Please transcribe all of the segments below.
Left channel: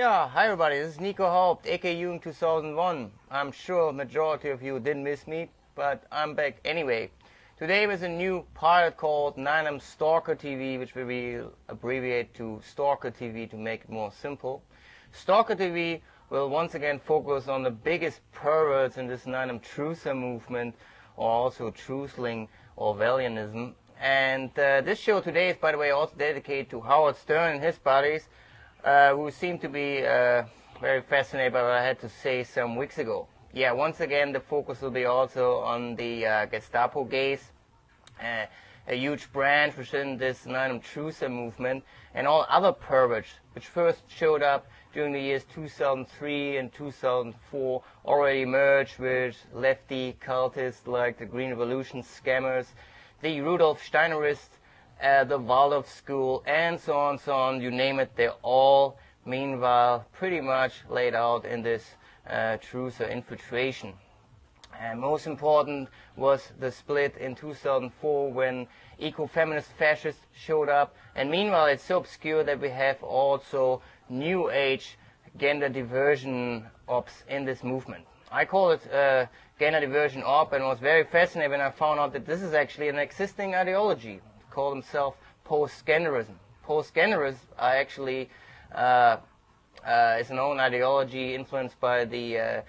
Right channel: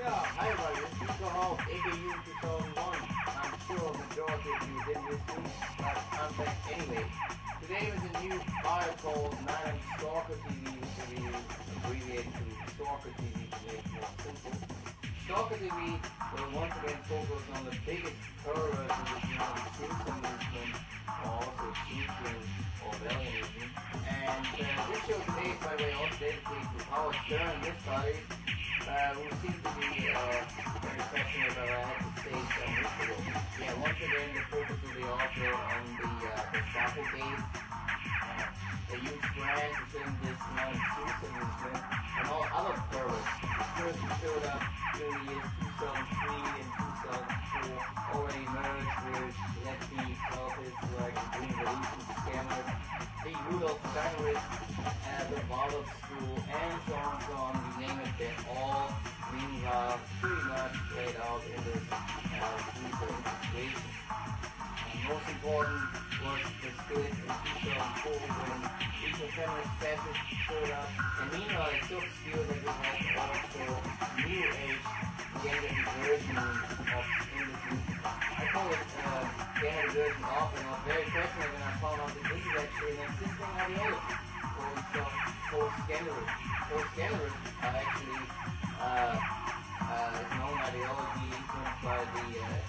Yeah, hi everybody, this is Nico Haupt, aka 2001. I'm sure majority of you didn't miss me, but I'm back anyway. Today with a new pilot called Stalker TV, which will be abbreviated to Stalker TV to make it more simple. Stalker TV will once again focus on the biggest perverts in this truther movement, or also truthling or Orwellianism. And this show today is, by the way, also dedicated to Howard Stern and his buddies, who seem to be very fascinated by what I had to say some weeks ago. Yeah, once again, the focus will be also on the Gestapo gays, a huge branch within this truther movement, and all other perverts, which first showed up during the years 2003 and 2004, already merged with lefty cultists like the Green Revolution scammers, the Rudolf Steinerists, the Waldorf School, and so on, you name it, they're all meanwhile pretty much laid out in this truther infiltration. And most important was the split in 2004 when eco-feminist fascists showed up, and meanwhile it's so obscure that we have also new age gender diversion ops in this movement. I call it gender diversion op, and was very fascinated when I found out that this is actually an existing ideology. Call themselves post-genderism. Post-genderism are actually it's an own ideology influenced by the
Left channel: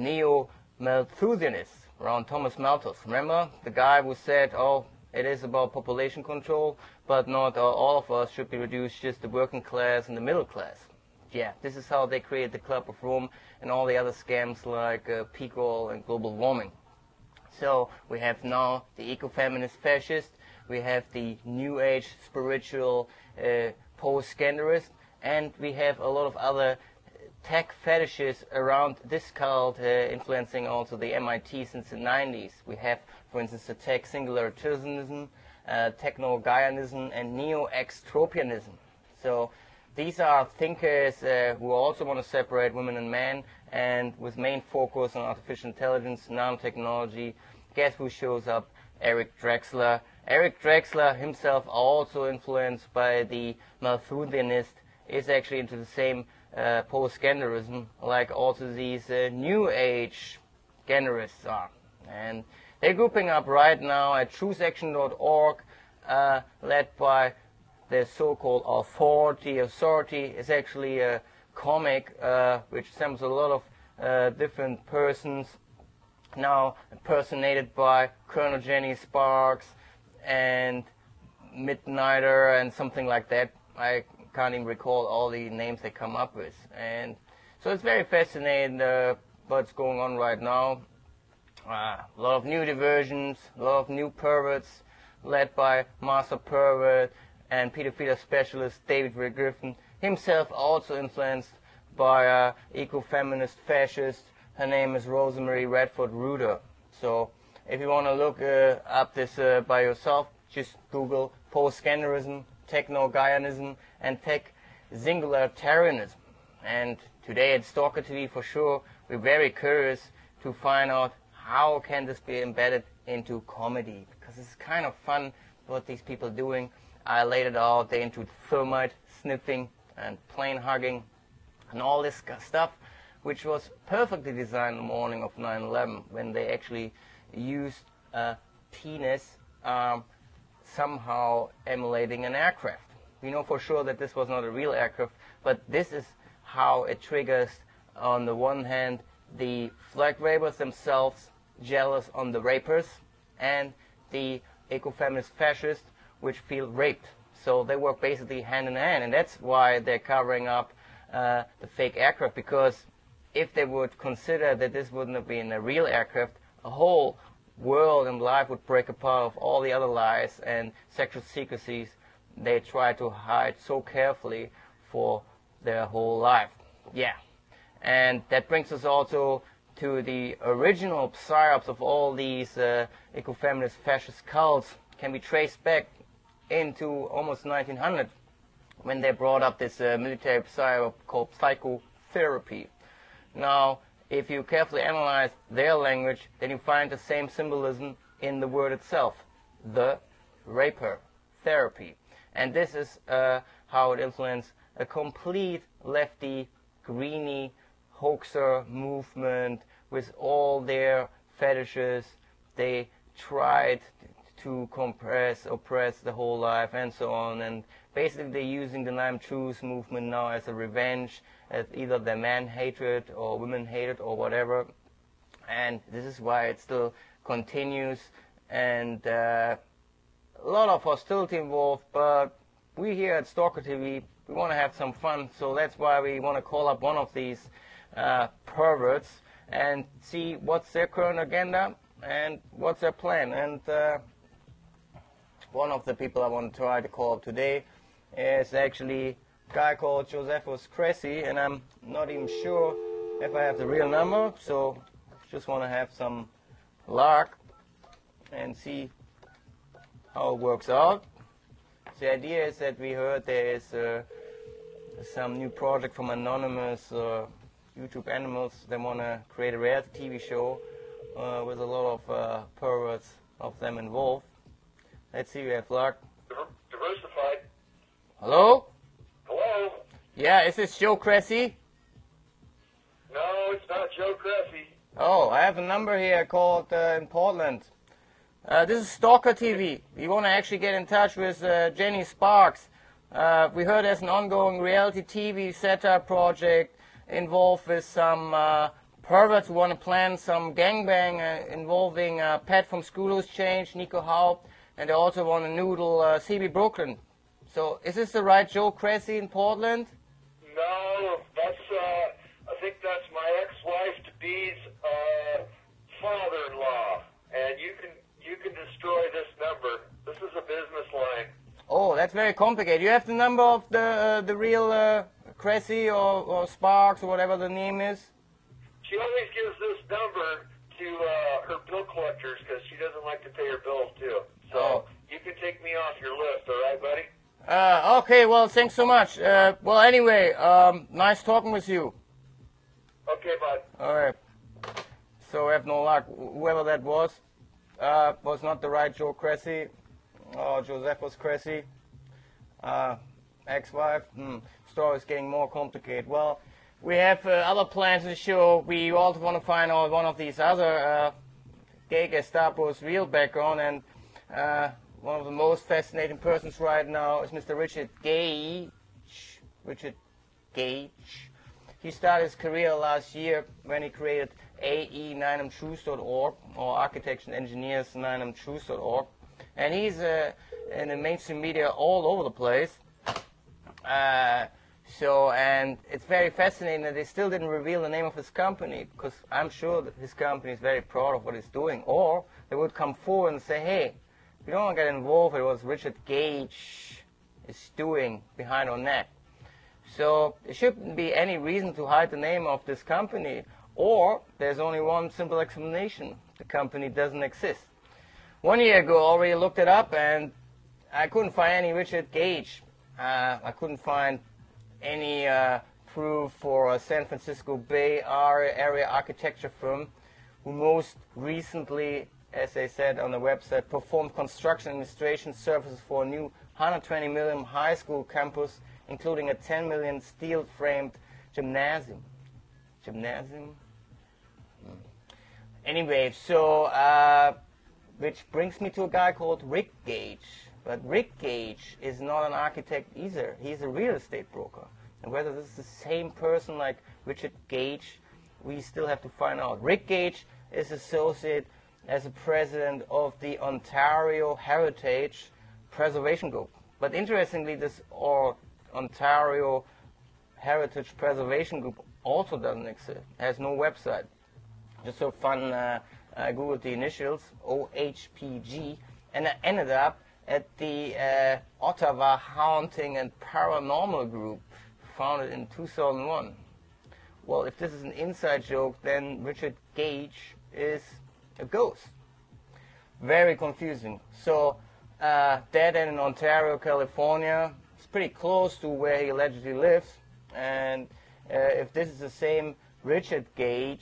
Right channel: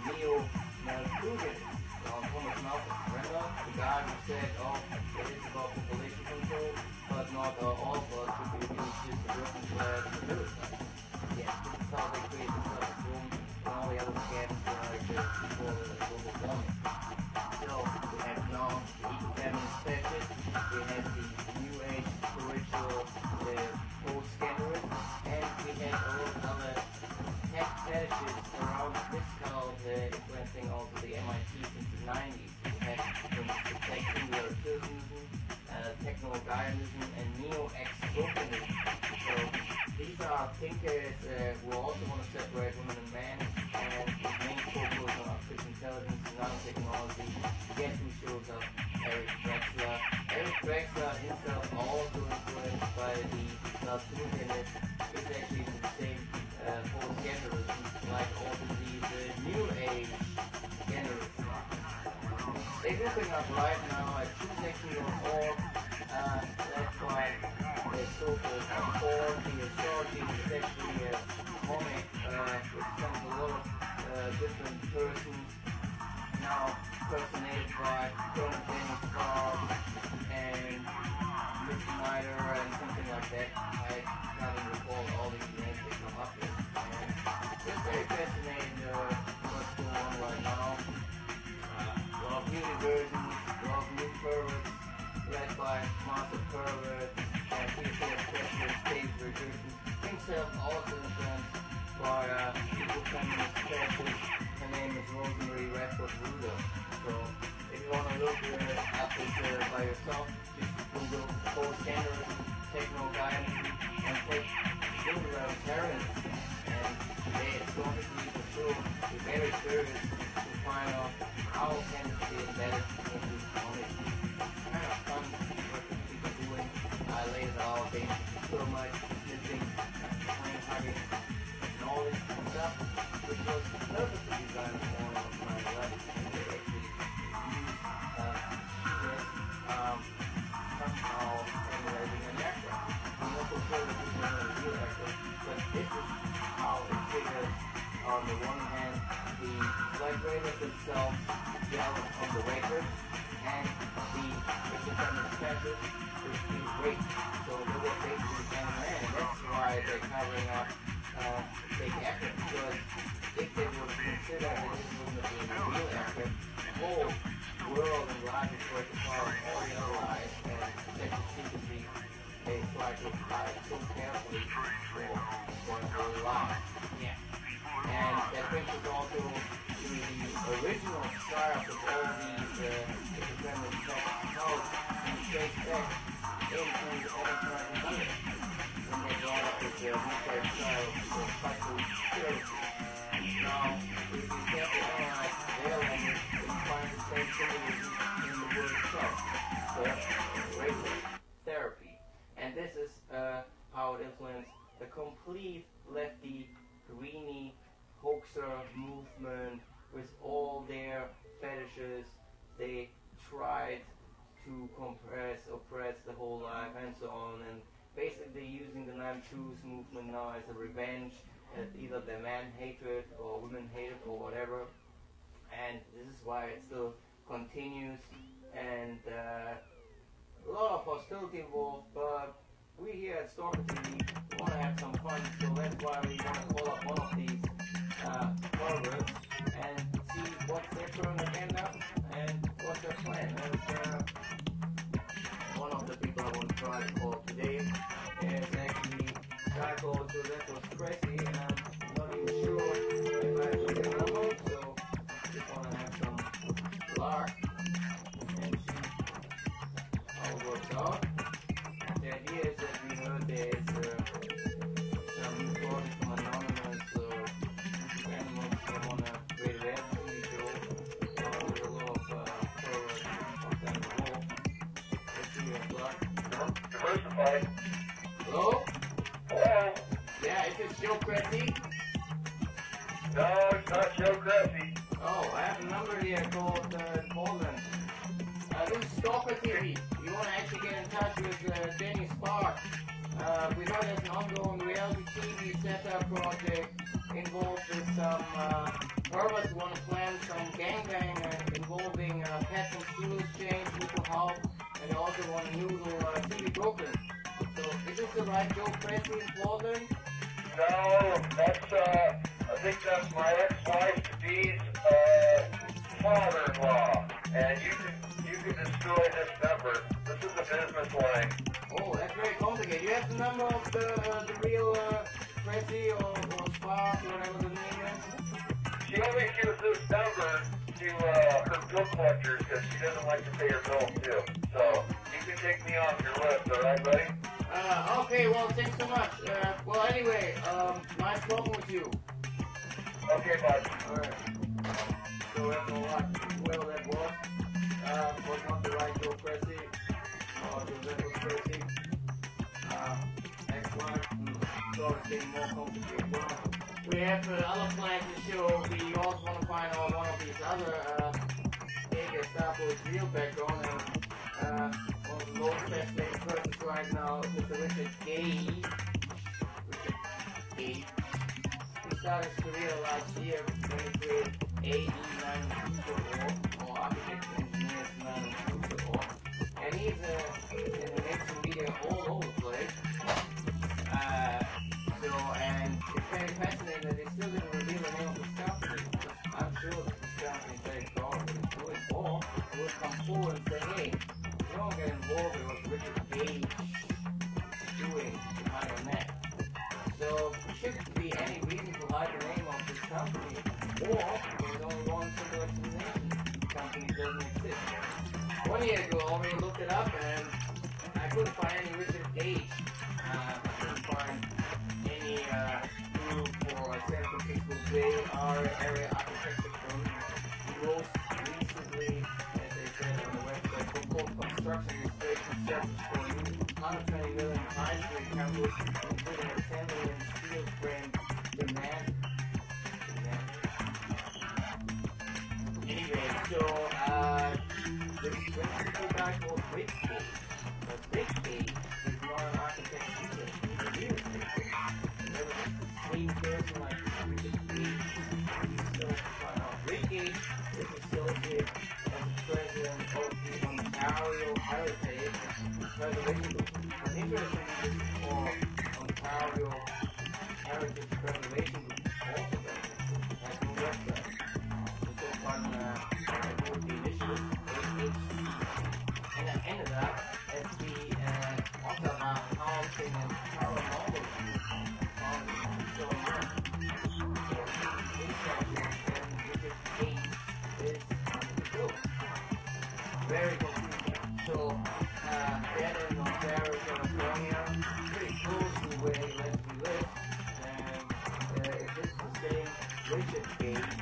neo-Malthusianists around Thomas Malthus. Remember the guy who said, oh, it is about population control, but not all of us should be reduced, just the working class and the middle class. Yeah, this is how they created the Club of Rome and all the other scams like peak oil and global warming. So we have now the eco-feminist fascists, we have the new age spiritual post-genderist, and we have a lot of other tech fetishes around this cult, influencing also the MIT since the 90s. We have, for instance, the tech singularitarianism, techno-Gaianism, and neo-extropianism. So these are thinkers who also want to separate women and men, and with main focus on artificial intelligence, nanotechnology. Guess who shows up? Eric Drexler. Eric Drexler himself, also influenced by the Malthusianists, is actually into the same post-genderism, like also these new age genderists are. And they're grouping up right now at truthsection.org, led by the so-called Authority. Authority is actually a comic which assembles a lot of different persons, now personated by Colonel Jenny Sparks and Midnighter and something like that. I can't even recall all the names they come up with. And so it's very fascinating what's going on right now. A lot of new diversions, a lot of new perverts, led by Master Pervert and pedophilia specialist David Ray Griffin, himself also influenced by eco-feminist fascists. Her name is Rosemary Redford Ruder. So if you want to look up this by yourself, just Google post-genderism, techno-Gaianism, and tech singularitarianism. And today at Stalker TV, for sure, we're very curious to find out how can this be embedded into comedy. It's kind of fun what these people are doing. I laid it out, they're into thermite sniffing and plane hugging and all this stuff, which was perfectly designed the morning of 9/11 when they actually used penis somehow emulating an aircraft. We know for sure that this was not a real aircraft, but this is how it triggers, on the one hand, the flag rapers themselves jealous on the rapers, and the eco-feminist fascists which feel raped. So they work basically hand in hand, and that's why they're covering up the fake aircraft, because if they would consider that this wouldn't have been a real aircraft, the whole world and life would break apart of all the other lies and sexual secrecies they try to hide so carefully for their whole life. Yeah, and that brings us also to the original psyops of all these eco-feminist fascist cults, can be traced back into almost 1900 when they brought up this military psyop called psychotherapy. Now, if you carefully analyze their language, then you find the same symbolism in the word itself, the raper, therapy. And this is how it influenced a complete lefty, greeny, hoaxer movement with all their fetishes. They tried to oppress the whole life and so on, and basically they're using the I'm Truth movement now as a revenge at either their man hatred or women hatred or whatever, and this is why it still continues, and a lot of hostility involved, but we here at Stalker TV, we want to have some fun, so that's why we want to call up one of these perverts and see what's their current agenda and what's their plan. And one of the people I want to try to call up today is actually a guy called Kressy, and I'm not even sure if I have the real number, so just want to have some luck and see how it works out. The idea is that we heard there is some new project from anonymous YouTube animals. They want to create a reality TV show with a lot of perverts of them involved. Let's see if we have luck. Diversified. Hello? Hello? Yeah, is this Joe Kressy? No, it's not Joe Kressy. Oh, I have a number here called in Portland. This is Stalker TV. You want to actually get in touch with Jenny Sparks. We heard there's an ongoing reality TV setup project involved with some perverts who want to plan some gangbang involving Pat from School Who's Changed, Nico, Haupt, and they also want to noodle CB Brooklyn. So is this the right Joe Kressy in Portland? No, that's, I think that's my ex-wife-to-be's father-in-law. And you can destroy this number. This is a business line. Oh, that's very complicated. You have the number of the real Kressy or Sparks or whatever the name is? She only gives this number to her bill collectors because she doesn't like to pay her bills too. So you can take me off your list, all right, buddy? Okay, well, thanks so much. Well, anyway, nice talking with you. Okay, bud. All right. So we have no luck. Whoever that was not the right Joe Kressy. Oh, Joseph was Kressy. Ex-wife. Story's getting more complicated. Well, we have other plans in the show. We also want to find out one of these other gay Gestapo's real background, and one of the most fascinating persons right now is Mr. R.Gage. R.Gage. He started his career last year when he created AE9mtruth.org, or Architects and Engineers 9mtruth.org, and he's in the mainstream media all over the place. And it's very fascinating that they still didn't reveal the name of his company, because I'm sure that his company is very proud of what he's doing, or they would come forward and say, hey, you don't want to get involved with what R.Gage is doing behind our neck. So there shouldn't be any reason to hide the name of this company, or there's only one simple explanation: the company doesn't exist. 1 year ago I already looked it up and I couldn't find any R.Gage. I couldn't find any proof for a San Francisco Bay Area architecture firm who most recently, as they said on the website, performed construction administration services for a new 120 million high school campus, including a 10 million steel-framed gymnasium. Anyway, so which brings me to a guy called R.Gage. But R.Gage is not an architect either. He's a real estate broker. And whether it's the same person like R.Gage, we still have to find out. R.Gage is associated as a president of the Ontario Heritage Preservation Group. But interestingly, this Ontario Heritage Preservation Group also doesn't exist. It has no website. Just so fun, I googled the initials, OHPG, and I ended up at the Ottawa Haunting and Paranormal Group, founded in 2001. Well, if this is an inside joke, then R.Gage is a ghost. Very confusing. So, dead in Ontario, California, pretty close to where he allegedly lives. And if this is the same R.Gage,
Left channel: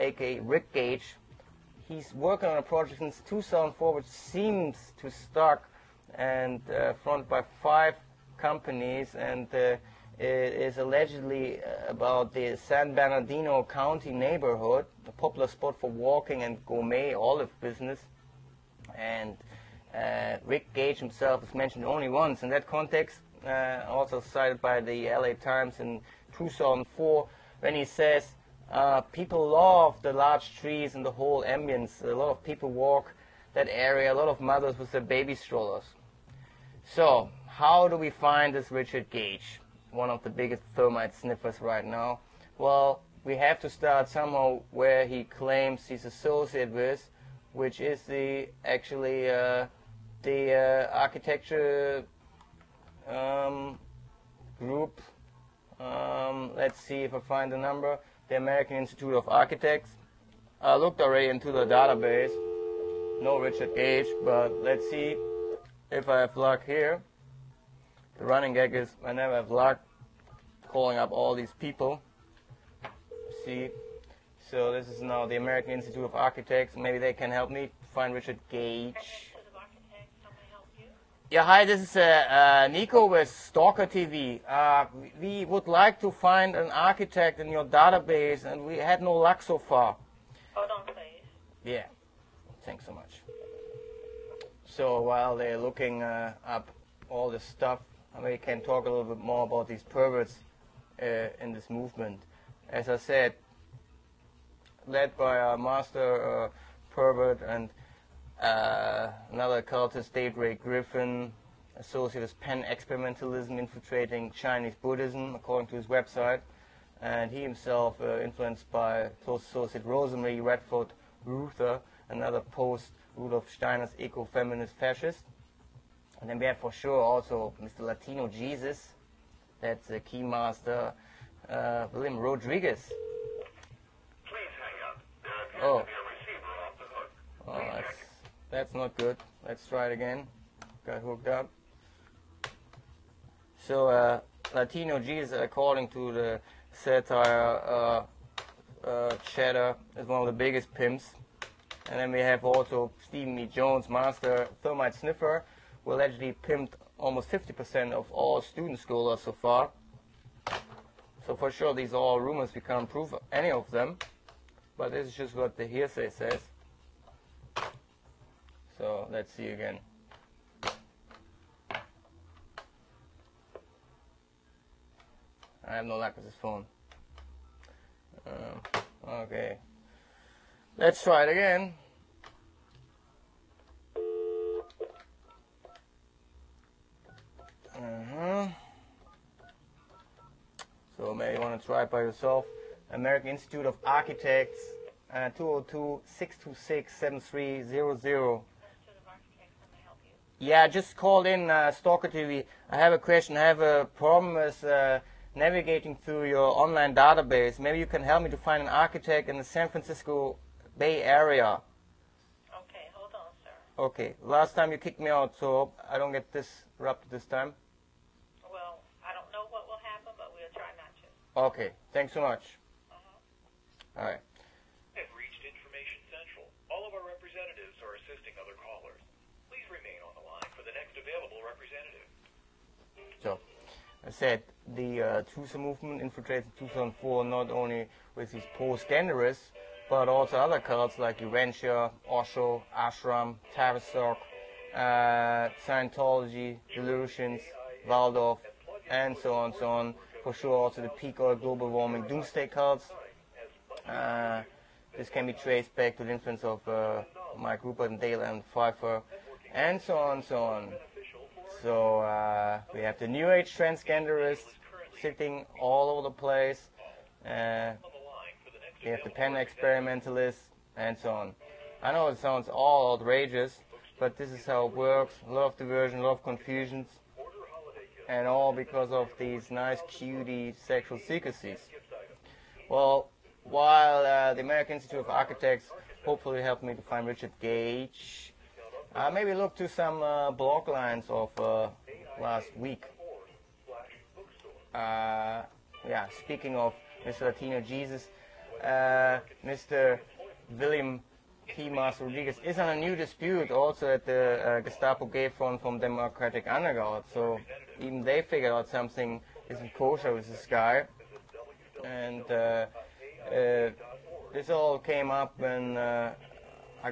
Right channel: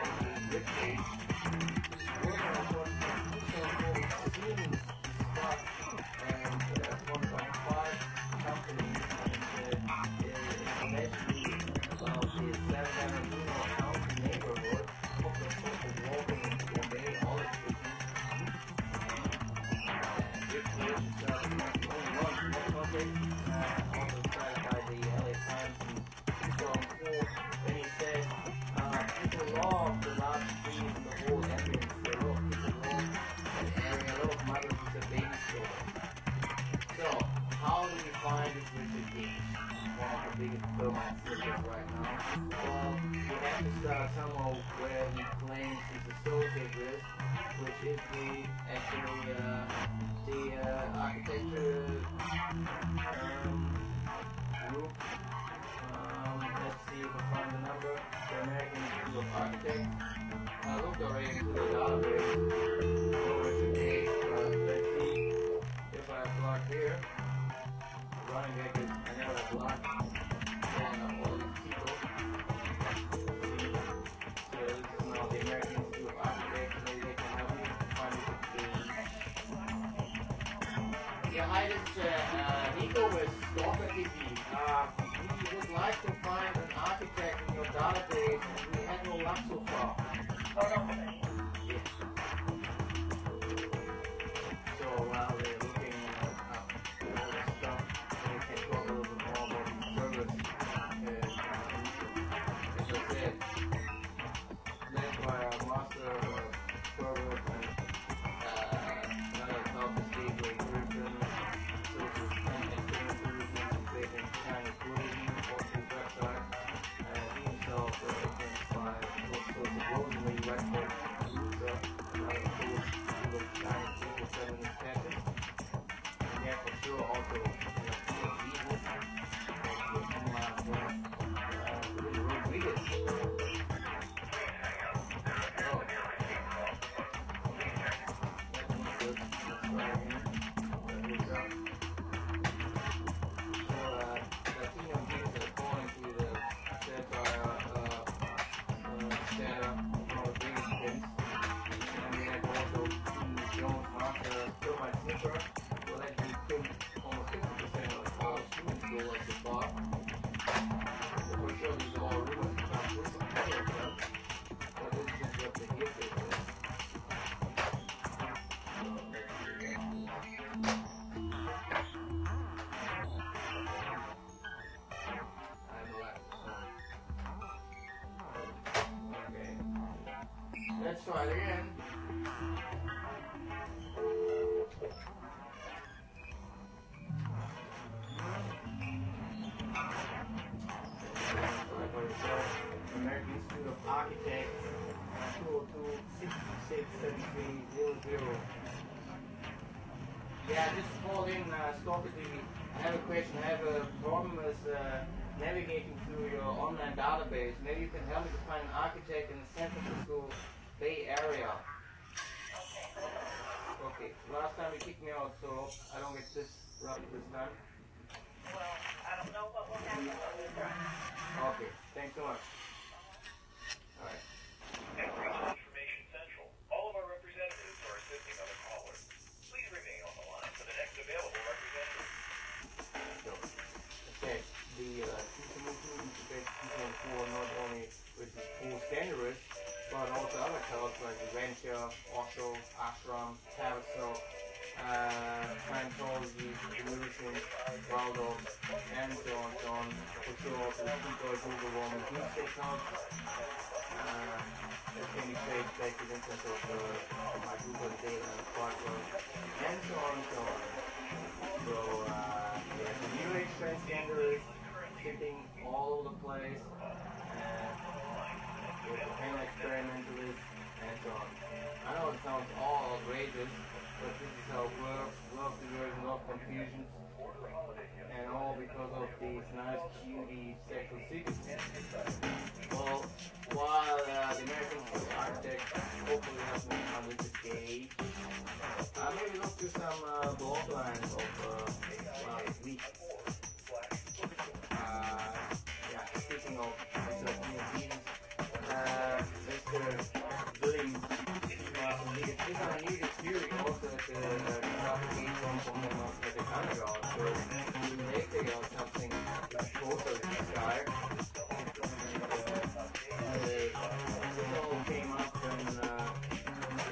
aka R.Gage, he's working on a project since 2004, which seems to start and funded by 5 companies, and it is allegedly about the San Bernardino County neighborhood, a popular spot for walking and gourmet olive business. And R.Gage himself is mentioned only once in that context, also cited by the LA Times in 2004, when he says people love the large trees and the whole ambience. A lot of people walk that area, a lot of mothers with their baby strollers. So, how do we find this R.Gage, one of the biggest thermite sniffers right now? Well, we have to start somehow where he claims he's associated with, which is the architecture group. Let's see if I find the number. The American Institute of Architects. I looked already into the database. No R.Gage, but let's see if I have luck here. The running gag is I never have luck pulling up all these people. See. So this is now the American Institute of Architects. Maybe they can help me find R.Gage. Yeah, hi, this is Nico with Stalker TV. We would like to find an architect in your database, and we had no luck so far. Yeah. So while they're looking up all this stuff, we can talk a little bit more about these perverts in this movement. As I said, led by a master pervert and another cultist, David Griffin, associated with pan-experimentalism infiltrating Chinese Buddhism, according to his website. And he himself influenced by close associate Rosemary Redford Luther, another post-Rudolf Steiner's eco-feminist fascist. And then for sure also Mr. Latino Jesus, that's the Kingmaster William Rodriguez. Oh, that's not good. Let's try it again. Got hooked up. So Latino Jesus, according to the satire, Cheddar is one of the biggest pimps. And then we have also Stephen E. Jones, master thermite sniffer, who allegedly pimped almost 50% of all student scholars so far. So for sure these are all rumors, we can't prove any of them. But this is just what the hearsay says. So let's see again. I have no luck with this phone. Okay. Let's try it again. So maybe you want to try it by yourself. American Institute of Architects, 202-626-7300. Yeah, just called in Stalker TV. I have a question. I have a problem with navigating through your online database. Maybe you can help me to find an architect in the San Francisco Bay Area. Okay, last time you kicked me out, so I don't get disrupted this time. Well, I don't know what will happen, but we'll try. Okay, thanks so much. All right. Information Central. All of our representatives are assisting other callers. Please remain on the line for the next available representative. So, I said the Tusa movement infiltrated 2004 not only with these post-genderists, but also other cults like Urantia, Osho, Ashram, Tavistock, Scientology, Delusions, Waldorf, and so on, so on. For sure also the peak oil global warming doomsday cults. This can be traced back to the influence of Mike Rupert and Dale and Pfeiffer, and so on, so on. So we have the New Age transgenderists sitting all over the place. We have the pan-experimentalists, and so on. I know it sounds all outrageous, but this is how it works. A lot of diversion, a lot of confusions, and all because of these nice cutie sexual secrecies. Well, while the American Institute of Architects hopefully helped me to find R.Gage, maybe look to some blog lines of last week. yeah, speaking of Mr. Latino Jesus, Mr. William P. Rodriguez is on a new dispute also at the Gestapo gate front from Democratic Underground. So even they figured out something is kosher with this guy. And this all came up when a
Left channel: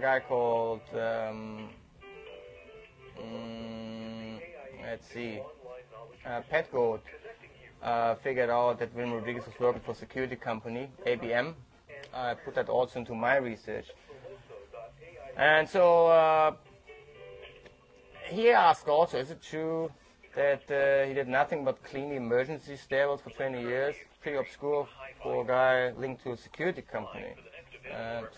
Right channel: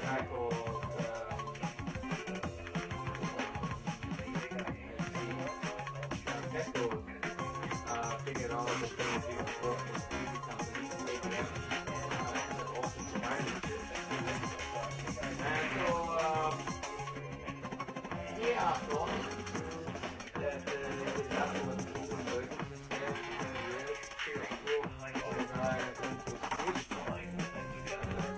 guy called, let's see, Petro figured out that William Rodriguez is working for security company, ABM. I put that also into my research. And so he asked also, is it true that he did nothing but cleaning emergency stairwells for 20 years? Pretty obscure for a guy linked to a security company.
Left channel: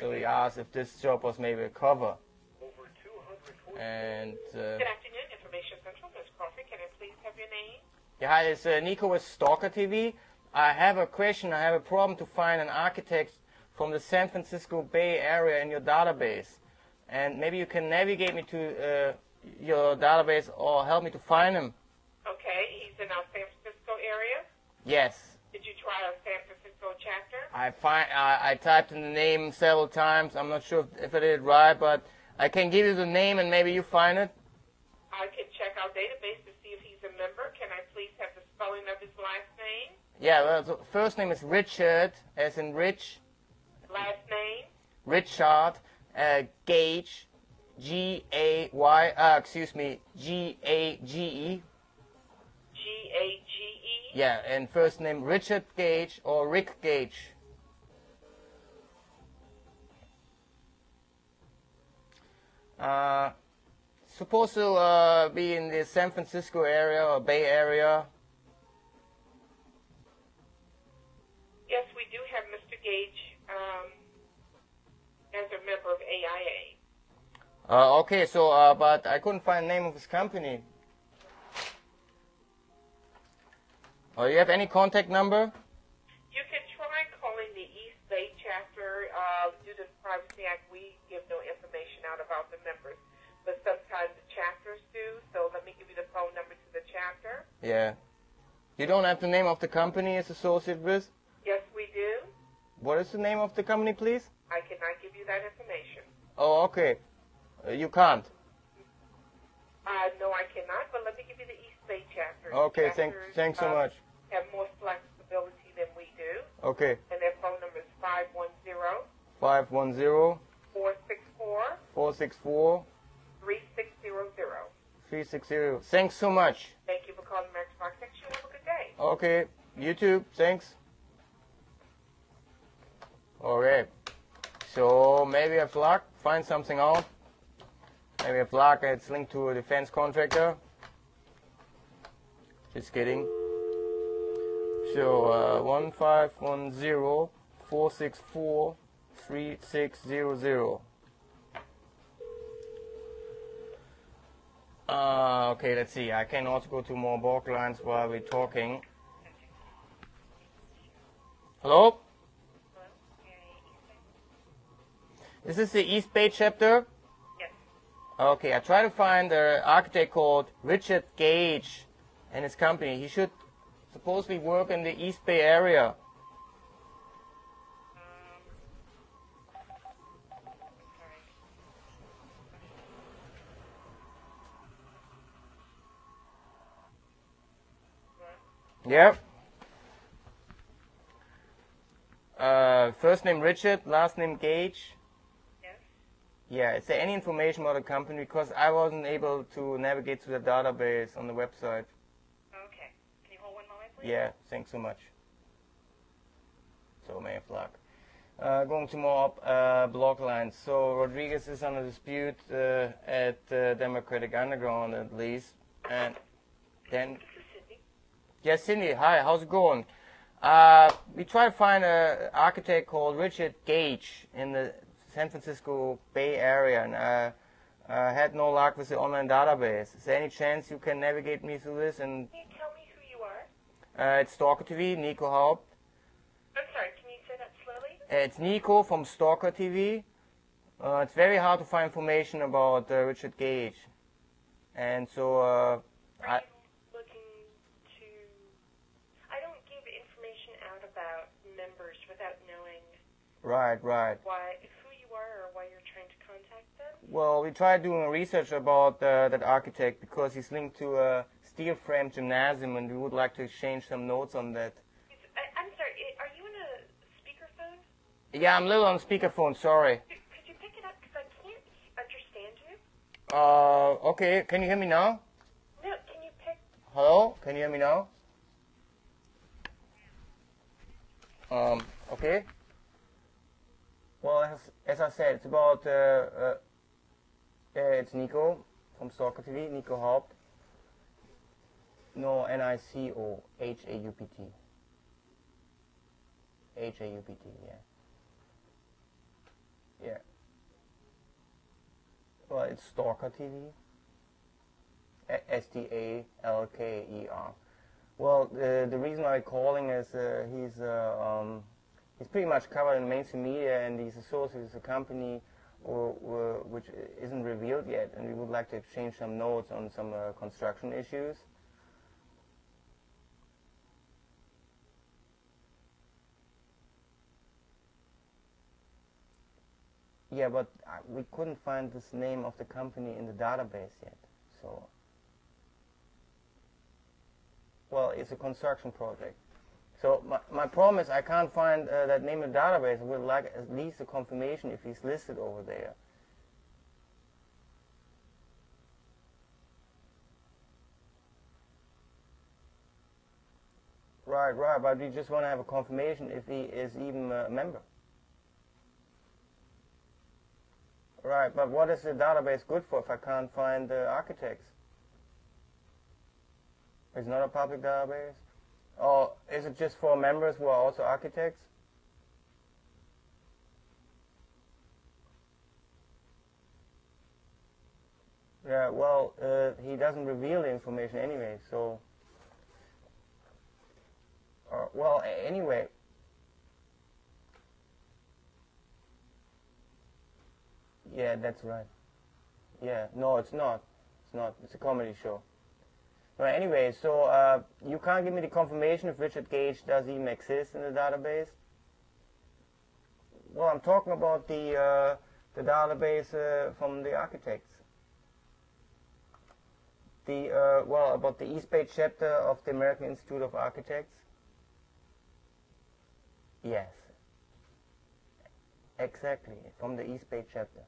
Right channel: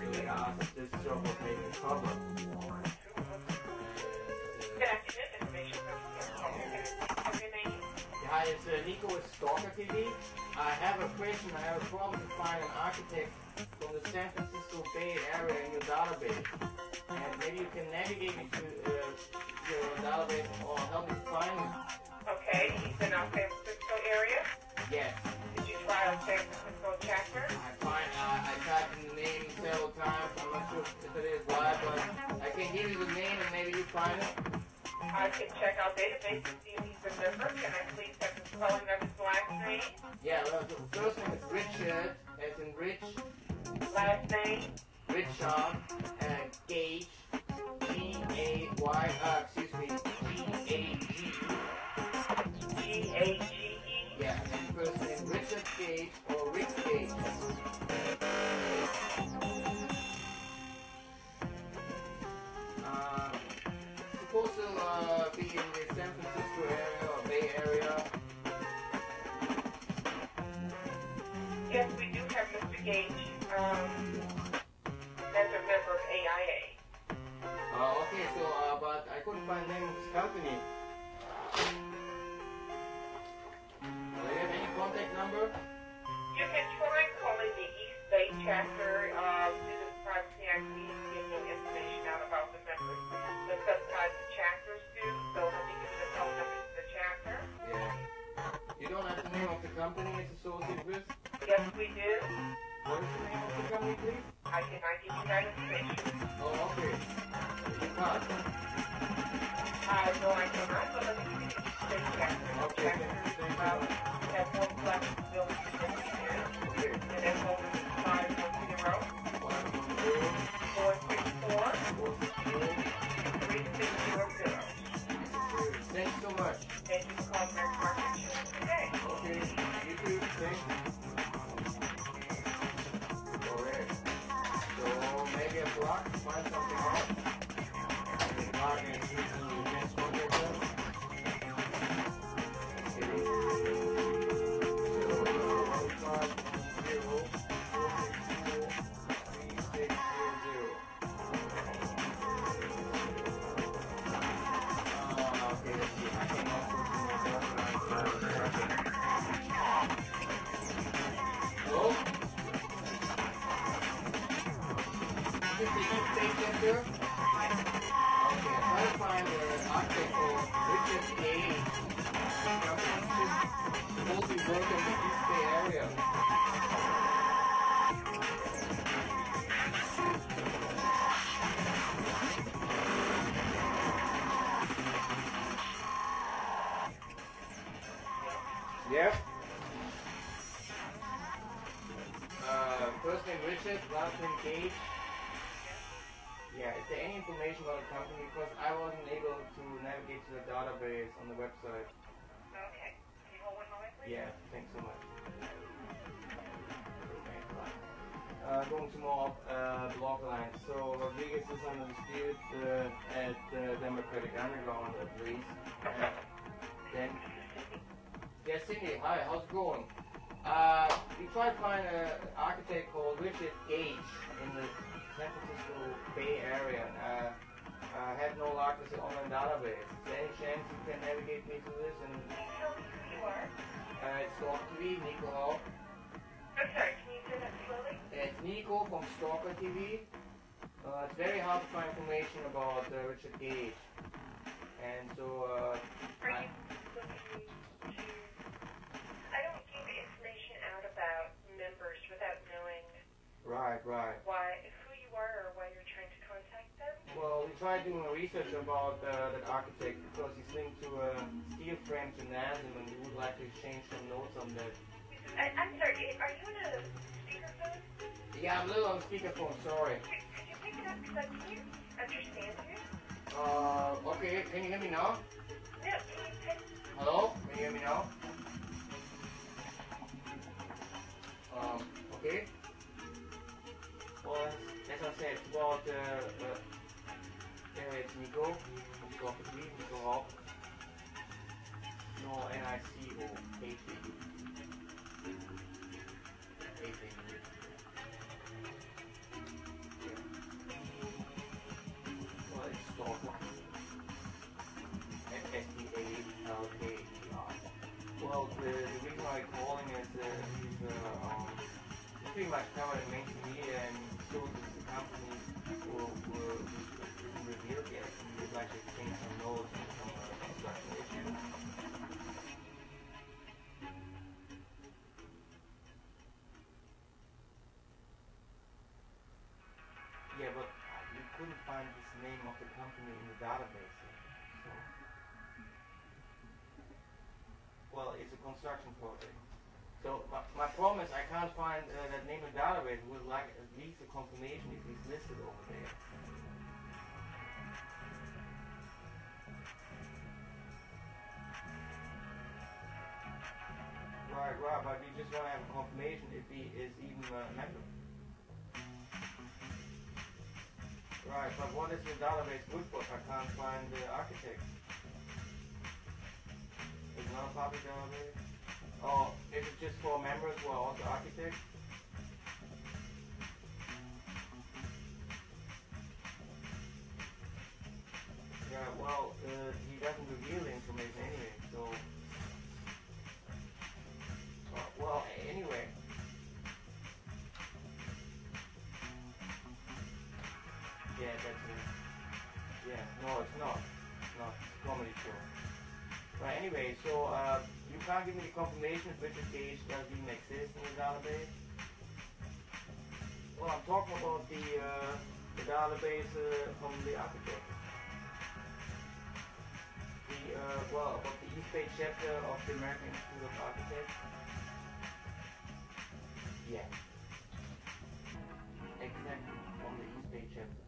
So he asked if this job was maybe a cover. And yeah, it's Nico with Stalker TV. I have a question. I have a problem to find an architect from the San Francisco Bay Area in your database. And maybe you can navigate me to your database or help me to find him. Okay, he's in our San Francisco area? Yes. Did you try our San Francisco chapter? I typed in the name several times. I'm not sure if I did it right, but I can give you the name and maybe you find it. I can check our database to see if he's a member. Can I please have the spelling of his last name? Yeah, well, the first name is Richard, as in Rich. Last name? Richard, Gage, G-A-Y, G-A-G-E. G-A-G-E? Yeah, and first name Richard Gage or Rick Gage. Supposed to be in the San Francisco area or Bay Area. Yes, we do have Mr. Gage as a member of AAJA. Okay, so, but I couldn't find the name of his company. Do you have any contact number? You can try calling the East Bay chapter. Due to the Privacy Act, we give no information out about the members. But sometimes the chapters do, so let me give you the phone number to the chapter. Yeah. You don't have the name of the company it's associated with? Yes, we do. What is the name of the company, please? I cannot give you that information. Oh, okay. You can't. No, I cannot, but let me give you the East Bay chapter. Okay, thanks so much. Have more flexibility than we do. Okay. And their phone number is 510 510 464 464 3600. 360. Thanks so much. Thank you for calling American Market Insurance today. Okay, you too. Thanks. Alright. So maybe a plug, find something out. Maybe a plug that's linked to a defense contractor. Just kidding. So 1510 464 3600. Okay, let's see. I can also go to more bulk lines while we're talking. Hello? Is this the East Bay chapter? Okay, I try to find the architect called Richard Gage and his company. He should supposedly work in the East Bay area. Yep. First name Richard, last name Gage. Yeah, is there any information about the company? Because I wasn't able to navigate to the database on the website. Okay. Can you hold one moment, please? Yeah, thanks so much. So, may flag. Going to more block lines. So, Rodriguez is under dispute at Democratic Underground, at least. And then, yeah, Cindy, hi, how's it going? We tried to find an architect called Richard Gage in the San Francisco Bay Area, and had no luck with the online database. Is there any chance you can navigate me through this? And Tell me who you are. it's Stalker TV, Nico Haupt. I'm sorry, can you say that slowly? It's Nico from Stalker TV. It's very hard to find information about Richard Gage, and so Are you looking to... I don't give information Right, right. Who you are or why you're trying to contact them? Well, we tried doing research about that architect because he's linked to a steel frame gymnasium and we would like to exchange some notes on that. I'm sorry, are you in a speakerphone? Yeah, I'm a little on speakerphone, sorry. Could you pick it up because I can't understand you? Okay, can you hear me now? No, can you pick... Hello? Can you hear me now? Okay. Well, as I said, it's about, it's Nico from Stalker TV, Nico Haupt. No, N-I-C-O-H-A-U-P-T. H-A-U-P-T, yeah. Yeah. Well, it's Stalker TV. S-T-A-L-K-E-R. Well, the reason I'm calling is he's pretty much covered in mainstream media and he's associated with a company which isn't revealed yet, and we would like to exchange some notes on some construction issues. Yeah, but we couldn't find this name of the company in the database yet, so... Well, it's a construction project. So my problem is I can't find that name in the database. I would like at least a confirmation if he's listed over there. Right, but we just want to have a confirmation if he is even a member. Right, but what is the database good for if I can't find the architects? It's not a public database? Or is it just for members who are also architects? Yeah, well, he doesn't reveal the information anyway, so... well, anyway. Yeah, that's right. Yeah, no, it's not. It's not. It's a comedy show. Right, anyway, so you can't give me the confirmation if R.Gage does even exist in the database? Well, I'm talking about the database from the architects. Well, about the East Bay chapter of the American Institute of Architects. Yes. Exactly, from the East Bay chapter.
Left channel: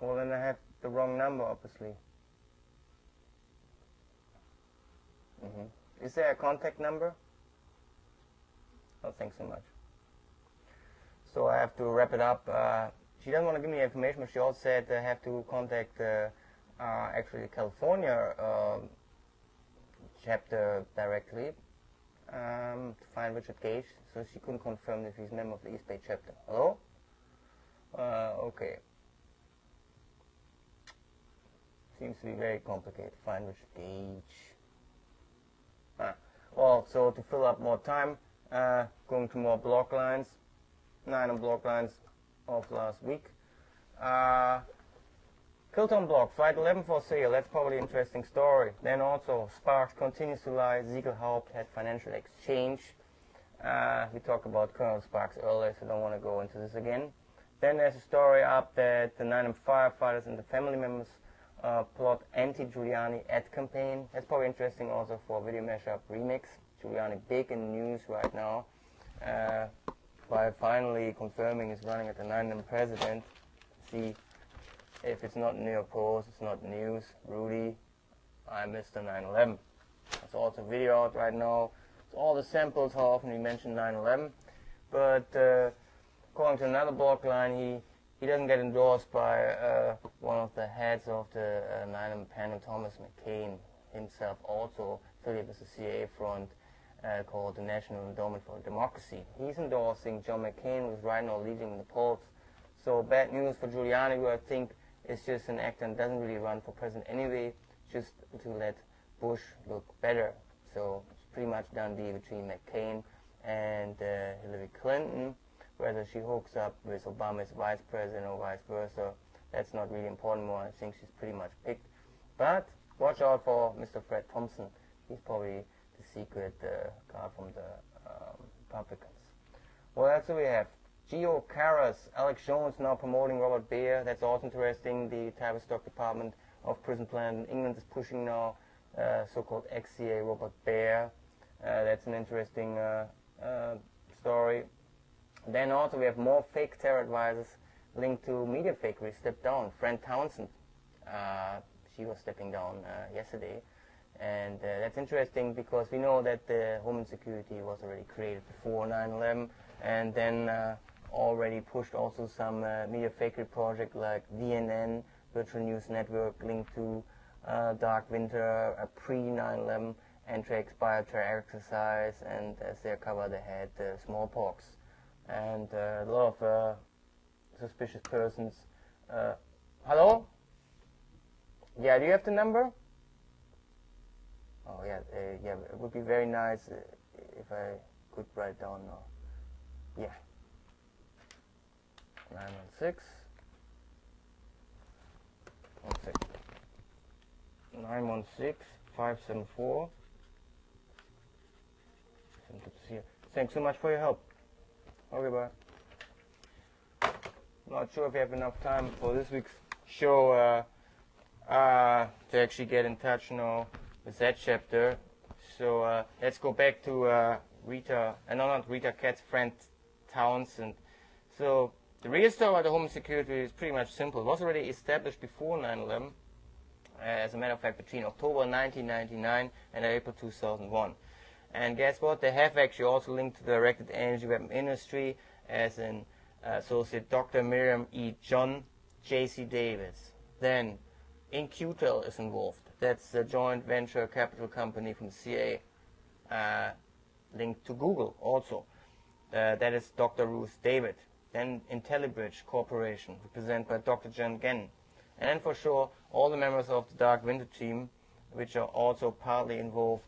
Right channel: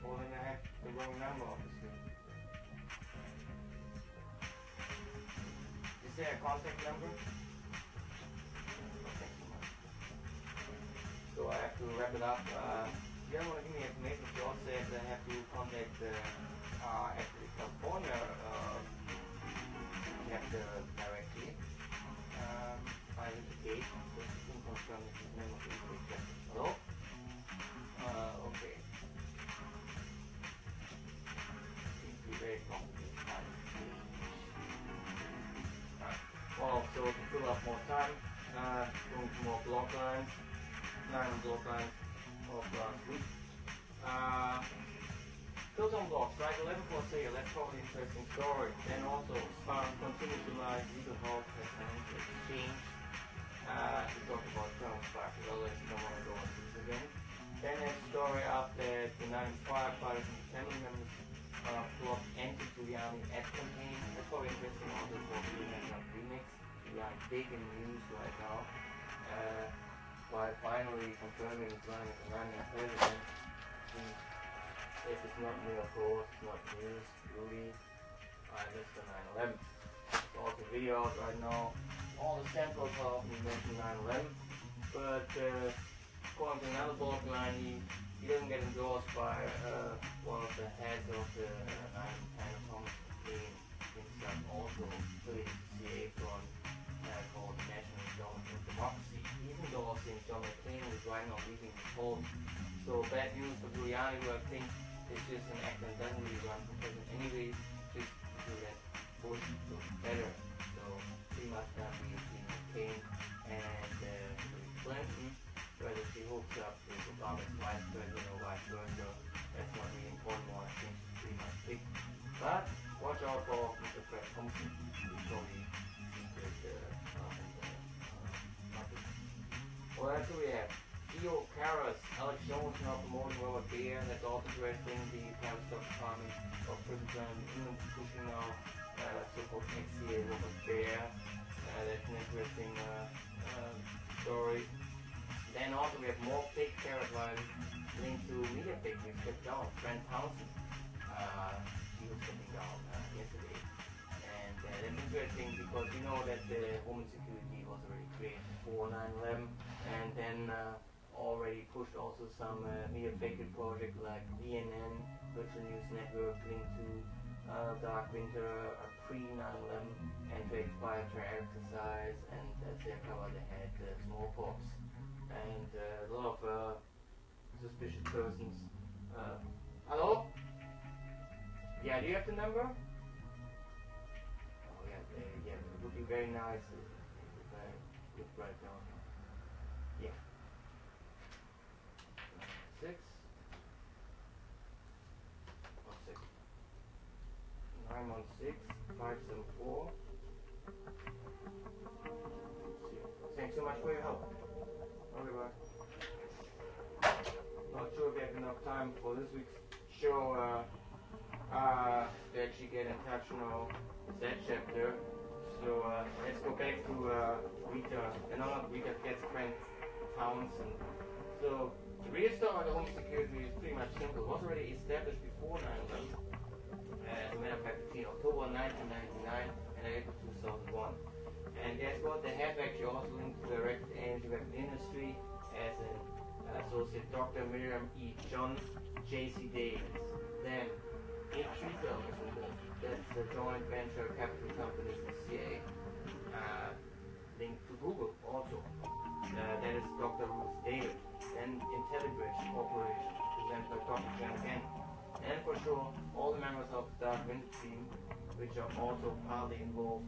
Well, then I have the wrong number, obviously. Is there a contact number? Oh, thanks so much. So I have to wrap it up. She doesn't want to give me information, but she also said I have to contact actually California chapter directly to find R.Gage, so she couldn't confirm that he's a member of the East Bay chapter. Hello? Okay. Seems to be very complicated. Find R.Gage. Well, so to fill up more time, going to more block lines. 9 block lines of last week. Kilton blocks, right? 11 for sale. That's probably an interesting story. Then also, Sparks continues to lie. Haupt had financial exchange. We talked about Colonel Sparks earlier, so don't want to go into this again. Then there's a story up that the 9 firefighters and the family members plot anti-Giuliani ad campaign. That's probably interesting also for Video Mashup Remix. Giuliani big in news right now. By finally confirming he's running as the 9 president. See, if it's not New York Post, it's not news. Rudy, I'm Mr. 9/11. There's also a video out right now. All the samples, how often he mentioned 9/11. But according to another blog line, he doesn't get endorsed by one of the heads of the 9/11 panel, Thomas McCain himself, also affiliated with the CIA front. Called the National Endowment for Democracy. He's endorsing John McCain, who's right now leading the polls. So bad news for Giuliani, who I think is just an actor and doesn't really run for president anyway, just to let Bush look better. So pretty much done deal between McCain and Hillary Clinton. Whether she hooks up with Obama's vice president or vice versa, that's not really important more. I think she's pretty much picked. But watch out for Mr. Fran Townsend. He's probably the secret guy from the applicants. What else do we have? Geo Caras, Alex Jones now promoting Robert Bear. That's also interesting. The Tavistock Department of Prison Plan in England is pushing now so-called XCA Robert Bear. That's an interesting story. Then also we have more fake terror advisors linked to media fakery stepped down. Fran Townsend, she was stepping down yesterday. And that's interesting because we know that the Homeland Security was already created before 9/11 and then already pushed also some media fakery project like VNN, Virtual News Network, linked to Dark Winter, a pre-9/11 anti-expired exercise, and as their cover they had smallpox. And a lot of suspicious persons. Hello? Yeah, do you have the number? Oh yeah, yeah, it would be very nice if I could write down now. Yeah. 916 916 574. Thanks so much for your help. Okay, bye. Not sure if we have enough time for this week's show to actually get in touch now with that chapter. So let's go back to Rita, no, not Rita Katz, Fran Townsend. So the real story about the Homeland Security is pretty much simple. It was already established before 9/11, as a matter of fact, between October 1999 and April 2001. And guess what? They have actually also linked to the directed energy weapon industry as an associate Dr. Miriam E. John, J.C. Davis. Then Incutel is involved. That's a joint venture capital company from the CIA, linked to Google also. That is Dr. Ruth David. Then IntelliBridge Corporation, represented by Dr. Jen Gann. And then for sure, all the members of the Dark Winter team, which are also partly involved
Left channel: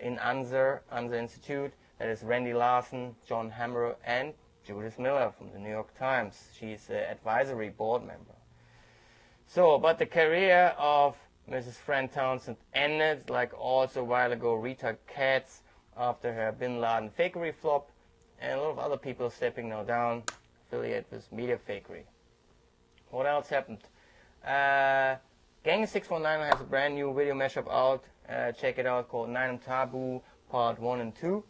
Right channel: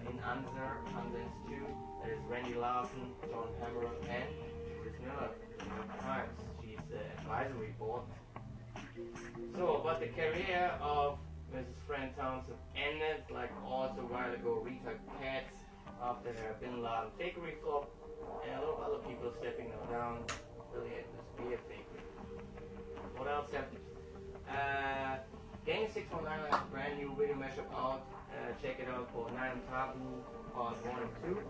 in ANSER Institute. That is Randy Larson, John Hammer, and Judith Miller from the New York Times. She's an advisory board member. So, but the career of Mrs. Fran Townsend ended, like also a while ago Rita Katz, after her Bin Laden fakery flop, and a lot of other people stepping now down, affiliated with media fakery. What else happened? Gang 619 has a brand new video mashup out. Check it out, called 9 Taboo Part 1 and 2.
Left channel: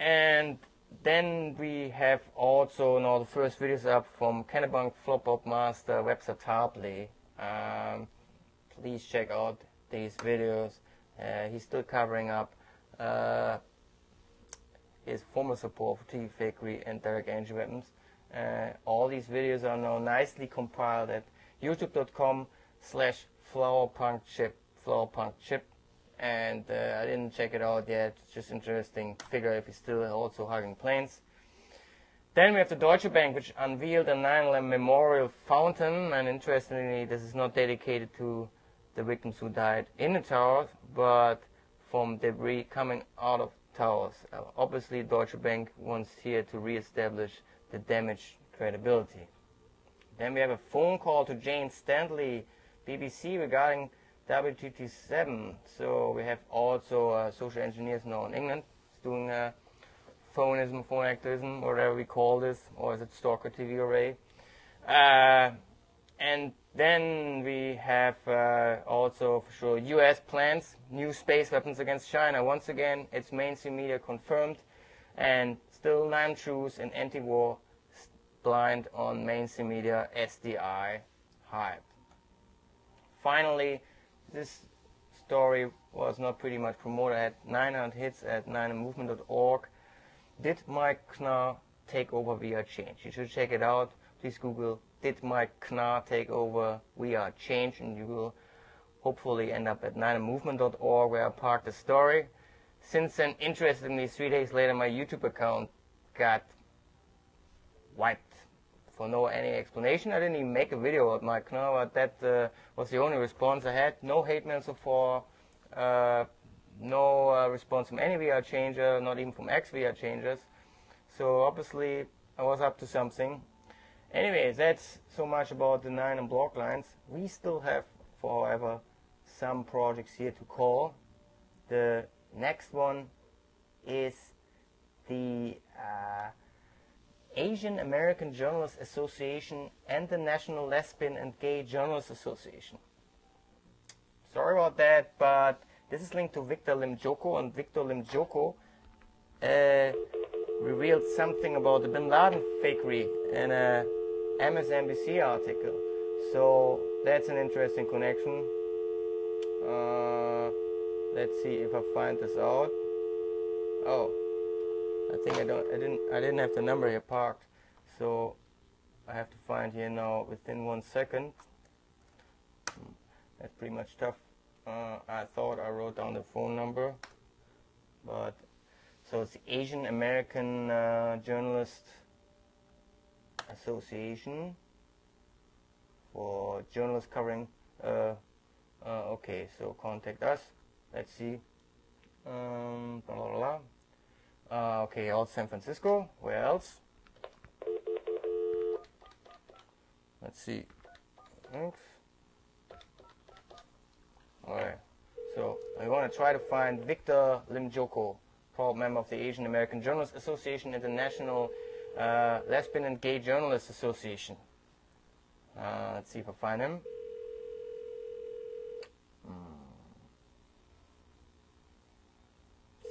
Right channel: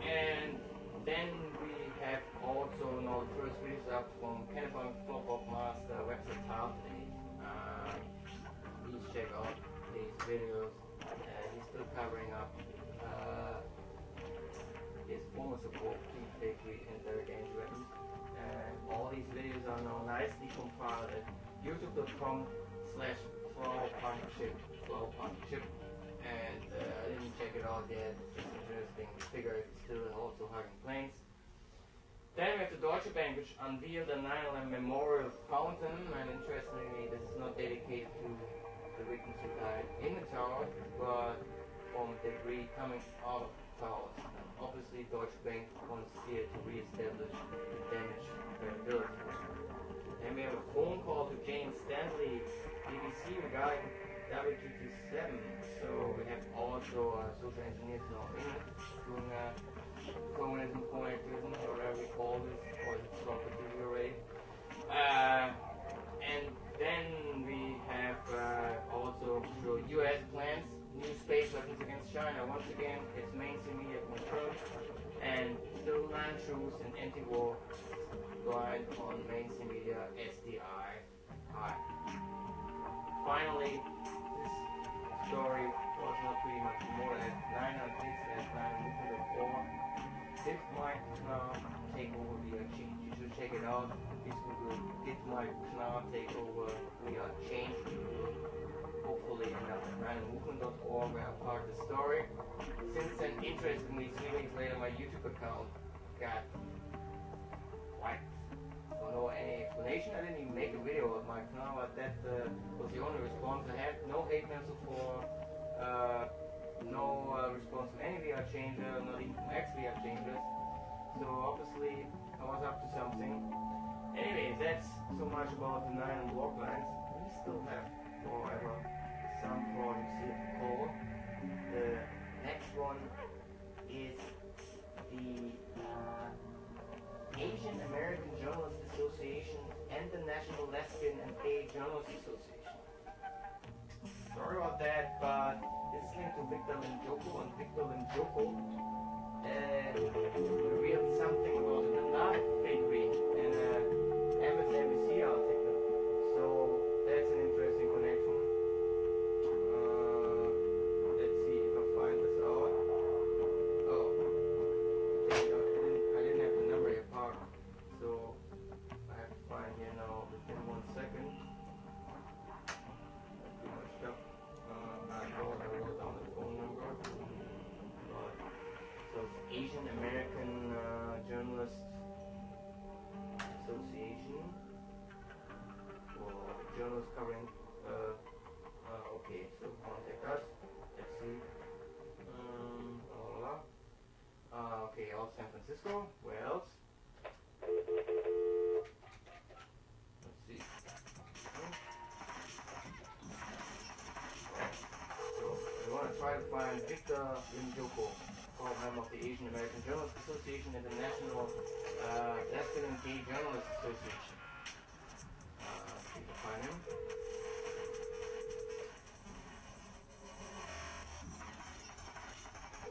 And then we have also now the first videos up from Kennebunk Flop-Up Master Webster Tarpley. Please check out these videos. He's still covering up his former support for TV fakery and direct energy weapons. All these videos are now nicely compiled at youtube.com/flowerpunkchip, and I didn't check it out yet. It's just interesting to figure if he's still also hugging planes. Then we have the Deutsche Bank, which unveiled a 9/11 memorial fountain, and interestingly, this is not dedicated to the victims who died in the towers, but from debris coming out of towers. Obviously, Deutsche Bank wants here to re-establish the damaged credibility. Then we have a phone call to Jane Stanley, BBC, regarding W227. So we have also social engineers now in England doing phonism, phone activism, whatever we call this, or is it Stalker TV array? And then we have also for sure US plans new space weapons against China. Once again, it's mainstream media confirmed, and still 9 truths and anti-war blind on mainstream media SDI hype. Finally, this story was not pretty much promoted at 900 hits at 9movement.org. Did Mike Knarr take over We Are Change? You should check it out. Please Google Did Mike Knarr take over We Are Change, and you will hopefully end up at 9movement.org, where I parked the story. Since then, interestingly, 3 days later, my YouTube account got wiped for no any explanation. I didn't even make a video about Mike Knarr, but that was the only response I had. No hate mail so far, no response from any VR changer, not even from ex-VR changers. So obviously I was up to something. Anyways, that's so much about the 9 and block lines. We still have forever some projects here to call. The next one is the Asian American Journalists Association and the National Lesbian and Gay Journalists Association. Sorry about that, but this is linked to Victor Lomjoco, and Victor Lomjoco revealed something about the Bin Laden fakery in a msnbc article. So that's an interesting connection. Let's see if I find this out. Oh, I think I didn't have the number here parked, so I have to find here now within 1 second. That's pretty much tough. I thought I wrote down the phone number, but so it's the Asian American Journalist Association for journalists covering. Okay, so contact us. Let's see. Blah, blah, blah. Okay, all San Francisco. Where else? Let's see. Alright, so we want to try to find Victor Lomjoco, proud member of the Asian American Journalists Association and the National Lesbian and Gay Journalists Association. Let's see if I find him.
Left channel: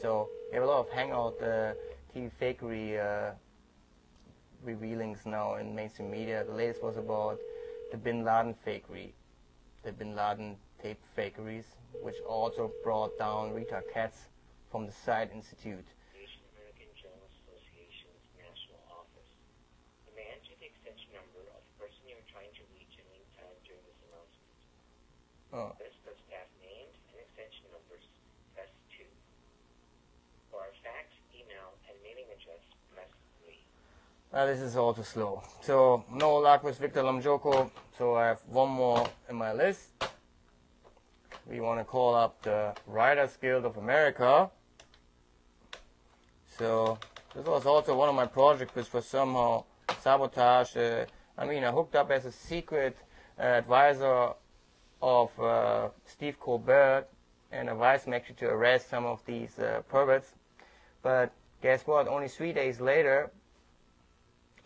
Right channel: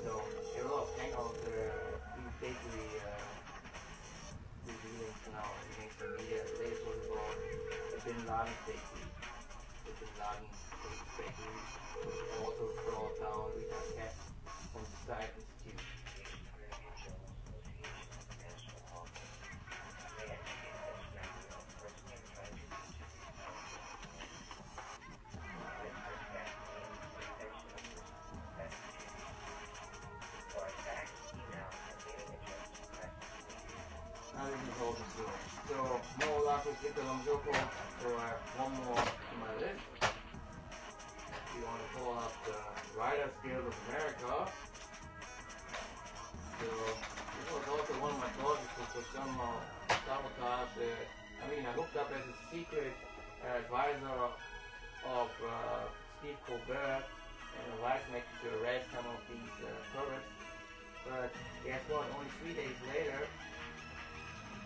So we have a lot of Hangout TV Fakery revealings now in mainstream media. The latest was about the Bin Laden fakery, the Bin Laden tape fakeries, which also brought down Rita Katz from the Side Institute. This is also slow. So no luck with Victor Lomjoco, so I have one more in my list. We want to call up the Writers Guild of America. So this was also one of my projects which was somehow sabotaged. I mean, I hooked up as a secret advisor of Steve Colbert and advised him actually to arrest some of these perverts. But guess what? Only 3 days later,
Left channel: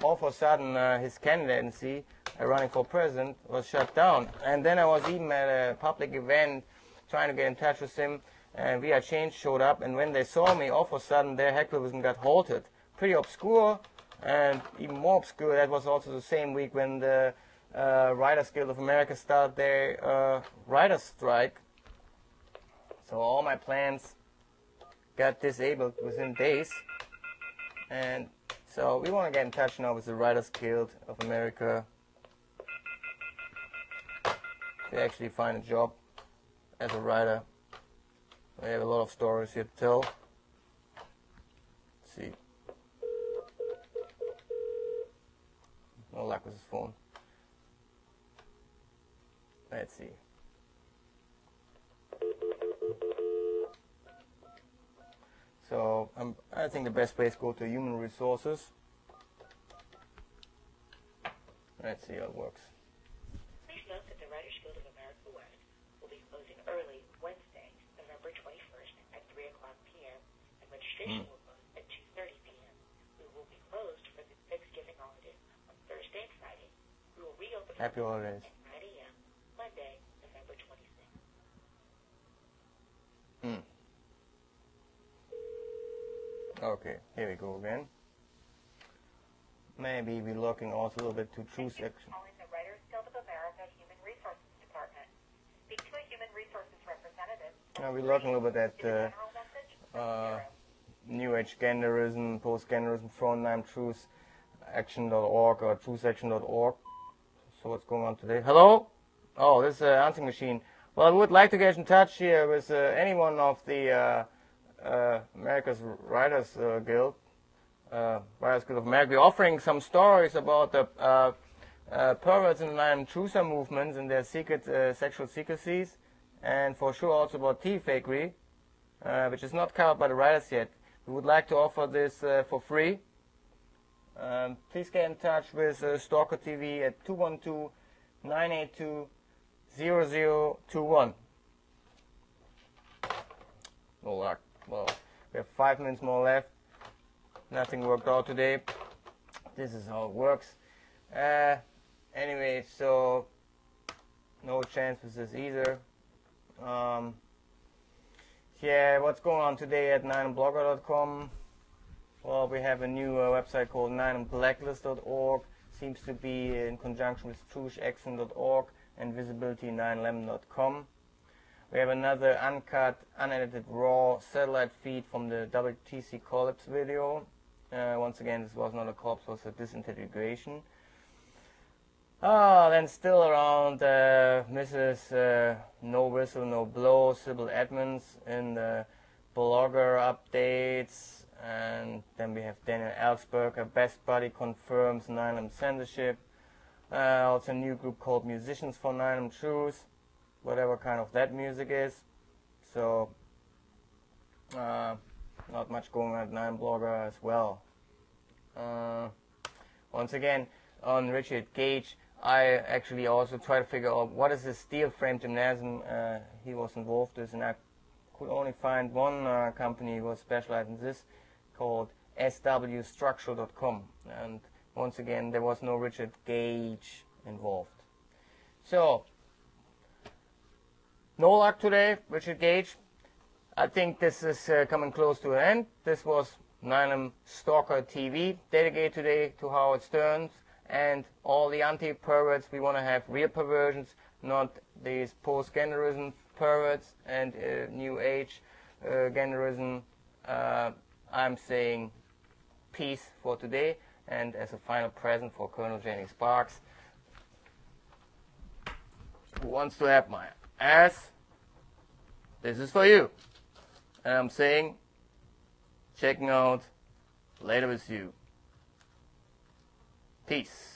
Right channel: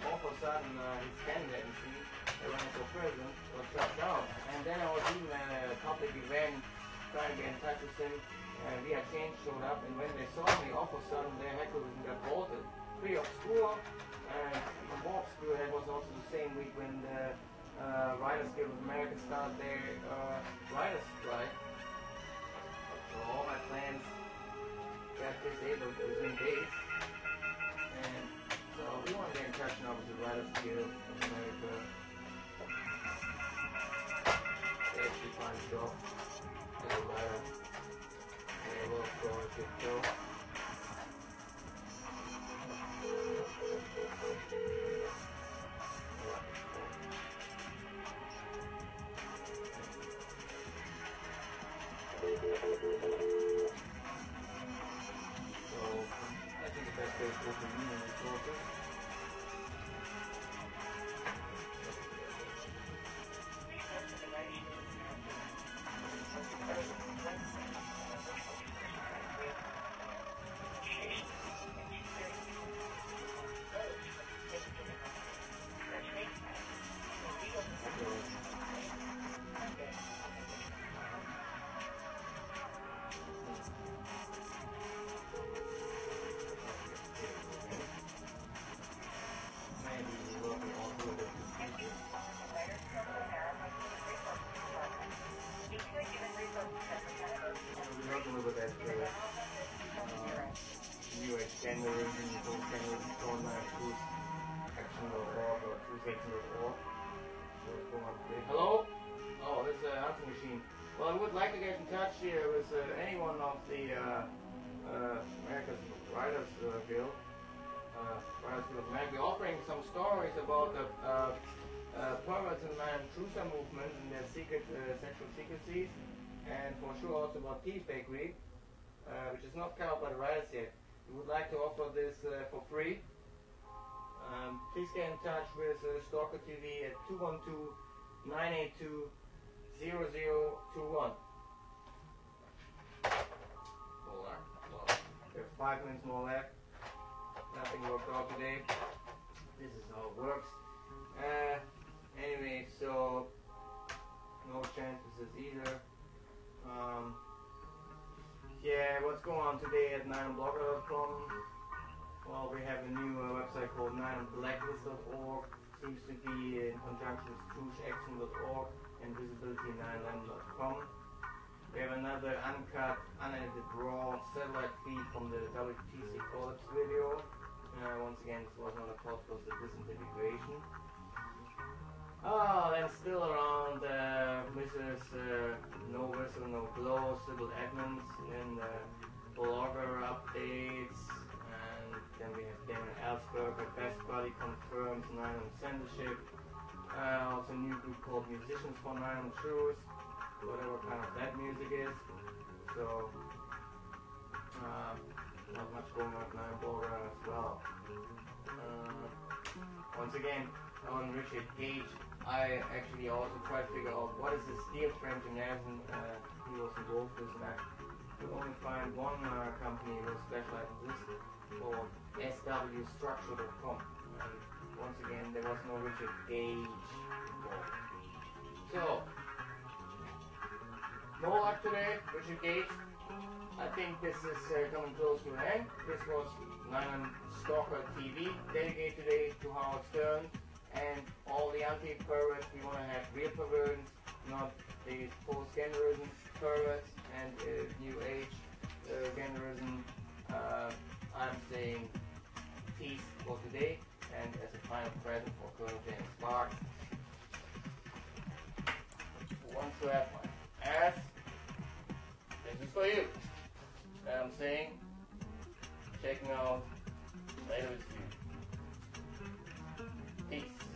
all of a sudden his candidacy running for president was shut down. And then I was even at a public event trying to get in touch with him, and We Are Change showed up, and when they saw me, all of a sudden their hecklerism got halted. Pretty obscure, and even more obscure, that was also the same week when the Writers Guild of America started their writers strike. So all my plans got disabled within days. And so we want to get in touch now with the Writers Guild of America to actually find a job as a writer. They have a lot of stories here to tell. Let's see. No luck with the phone. Let's see. So I think the best place to go to human resources. Let's see how it works. Happy holidays. Okay, here we go again. Maybe we're looking also a little bit to choose it. We're looking a little bit at New Age genderism, post-genderism, frontline truth action.org or truthaction.org. So what's going on today? Hello? Oh, this is an answering machine. Well, I would like to get in touch here with anyone of the America's Writers Guild, Writers Guild of America. We're offering some stories about the perverts and truther movements and their secret sexual secrecies, and for sure also about tea fakery, which is not covered by the writers yet. We would like to offer this for free. Please get in touch with Stalker TV at 212-982-0021. no luck. Well, we have 5 minutes more left. Nothing worked out today. This is how it works. Anyway, so no chance with this either. Yeah, what's going on today at 9blogger.com? Well, we have a new website called 9blacklist.org. Seems to be in conjunction with trugeaction.org and visibility911.com. We have another uncut, unedited, raw satellite feed from the WTC collapse video. Once again, this was not a collapse, it was a disintegration. Then still around Mrs. No Whistle, No Blow, Sybil Edmonds in the blogger updates. And then we have Daniel Ellsberger, Best Buddy confirms 9M censorship. Also a new group called Musicians for 9M Truth, whatever kind of that music is. So not much going on at 9blogger as well. Once again, on R.Gage, I actually also try to figure out what is the steel frame gymnasium he was involved with, and I could only find one company who was specialized in this, called swstructural.com, and once again there was no R.Gage involved. So no luck today, R.Gage. I think this is coming close to an end. This was 9M Stalker TV, dedicated today to Howard Stern and all the anti-perverts. We want to have real perversions, not these post-genderism perverts and new age genderism. I'm saying peace for today, and as a final present for Colonel Jamie Sparks, who wants to have my ass, this is for you. And I'm saying, checking out later with you. Peace.